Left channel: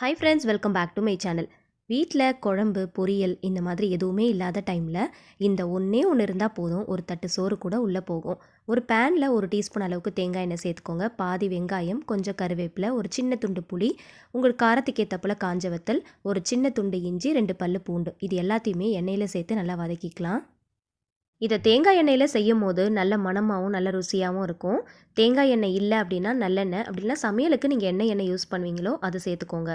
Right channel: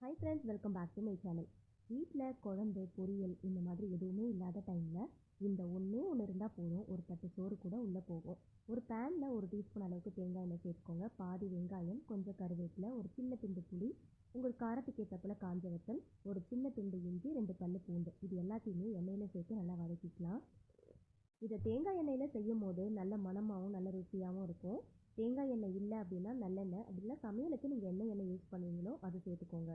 Hi friends, welcome back to my channel. வீட்டில் குழம்பு பொரியல் இந்த மாதிரி எதுவுமே இல்லாத டைமில் இந்த ஒன்றே ஒன்று இருந்தால் போதும். ஒரு தட்டு சோறு கூட உள்ளே போகும். ஒரு பேனில் 1 டீஸ்பூன் அளவுக்கு தேங்காய் எண்ணெய் சேர்த்துக்கோங்க. பாதி வெங்காயம், கொஞ்சம் கருவேப்பிலை, ஒரு சின்ன துண்டு புளி, உங்களுக்கு காரத்துக்கு ஏற்றப்போல் காஞ்ச வத்தல், ஒரு சின்ன துண்டு இஞ்சி, 2 பல்லு பூண்டு, இது எல்லாத்தையுமே எண்ணெயில் சேர்த்து நல்லா வதக்கிக்கலாம். இதை தேங்காய் எண்ணெயில் செய்யும் போது நல்ல மணமாகவும் நல்ல ருசியாகவும் இருக்கும். தேங்காய் எண்ணெய் இல்லை அப்படின்னா நல்லெண்ணெய், அப்படின்னா சமையலுக்கு நீங்கள் எண்ணெய் யூஸ் பண்ணுவீங்களோ அதை சேர்த்துக்கோங்க.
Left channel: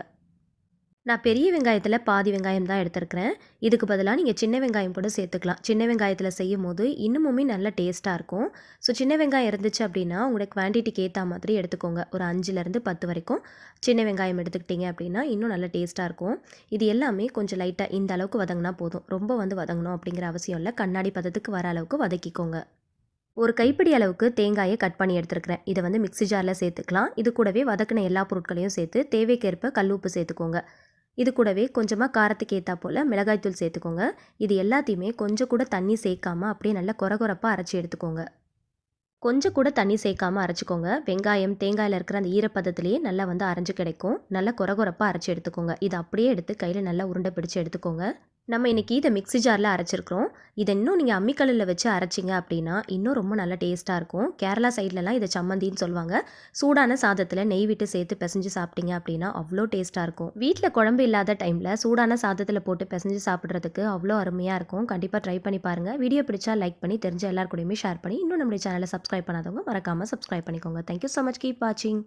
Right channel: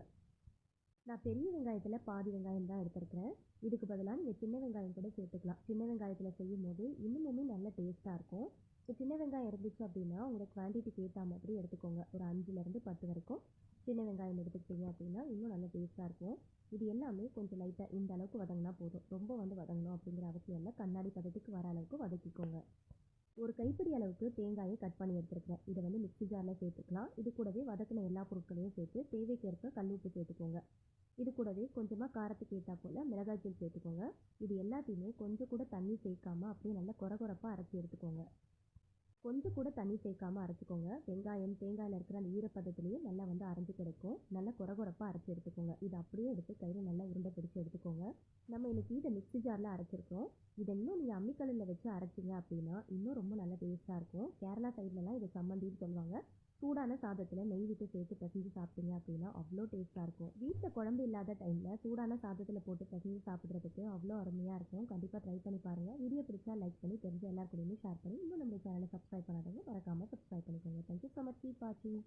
நான் பெரிய வெங்காயத்தில் பாதி வெங்காயம் தான் எடுத்துருக்கிறேன். இதுக்கு பதிலாக நீங்கள் சின்ன வெங்காயம் கூட சேர்த்துக்கலாம். சின்ன வெங்காயத்தில் செய்யும் போது இன்னுமுமே நல்ல டேஸ்ட்டாக இருக்கும். ஸோ சின்ன வெங்காயம் இருந்துச்சு அப்படின்னா உங்களோட குவான்டிட்டிக்கு ஏற்ற மாதிரி எடுத்துக்கோங்க. ஒரு 5லேருந்து 10 வரைக்கும் சின்ன வெங்காயம் எடுத்துக்கிட்டிங்க அப்படின்னா இன்னும் நல்ல டேஸ்ட்டாக இருக்கும். இது எல்லாமே கொஞ்சம் லைட்டாக இந்த அளவுக்கு வதங்கினா போதும். ரொம்ப வதங்கணும் அப்படிங்கிற அவசியம் இல்லை. கண்ணாடி பதத்துக்கு வர அளவுக்கு வதக்கிக்கோங்க. ஒரு கைப்பிடி அளவுக்கு தேங்காயை கட் பண்ணி எடுத்துருக்கிறேன். இதை மிக்ஸி ஜாரில் சேர்த்துக்கலாம். இது கூடவே வதக்கின எல்லா பொருட்களையும் சேர்த்து தேவைக்கேற்ப கல் உப்பு சேர்த்துக்கோங்க. இது கூடவே கொஞ்சமாக காரத்துக்கு ஏற்றா போல் மிளகாய்த்தூள் சேர்த்துக்கோங்க. இது எல்லாத்தையுமே கொஞ்சம் கூட தண்ணி சேர்க்காமல் அப்படியே நல்லா கொரகொரப்பாக அரைச்சி எடுத்துக்கோங்க. கொஞ்சம் கூட தண்ணி சேர்க்காமல் அரைச்சிக்கோங்க. வெங்காயம் தேங்காயில் இருக்கிற அந்த ஈரப்பதத்திலேயே நல்லா அரைஞ்சு கிடைக்கும். நல்லா கொரகொரப்பாக அரைச்சி எடுத்துக்கோங்க. இதை அப்படியே எடுத்து கையில் நல்லா உருண்டை பிடிச்சி எடுத்துக்கோங்க. நம்ம இன்றைக்கி இதை மிக்ஸி ஜாரில் அரைச்சிருக்கிறோம். இதை இன்னும் நீங்கள் அம்மிக்கல்லில் வச்சு அரைச்சிங்க அப்படின்னா இன்னும் ரொம்ப நல்லா டேஸ்ட்டாக இருக்கும். கேரளா சைட்லலாம் இதை சம்மந்தின்னு சொல்லுவாங்க. சூடான சாதத்தில் நெய் விட்டு சேர்த்து பிசைஞ்சு சாப்பிட்டீங்க அப்படின்னா அவ்வளோ டேஸ்ட்டாக இருக்கும். வீட்டில் குழம்பு இல்லாத டைமில் சூடான சாதத்தில் போட்டு பிசைஞ்சு சாப்பிட்றதுக்கு அவ்வளோ அருமையாக இருக்கும். கண்டிப்பாக ட்ரை பண்ணி பாருங்கள். வீடியோ பிடிச்சா லைக் பண்ணி தெரிஞ்ச எல்லாருக்கூடையுமே ஷேர் பண்ணி இன்னும் நம்மளுடைய சேனலை சப்ஸ்கிரைப் பண்ணாதவங்க மறக்காமல் சப்ஸ்கிரைப் பண்ணிக்கோங்க. Thank you so much. கீப் வாட்சிங்.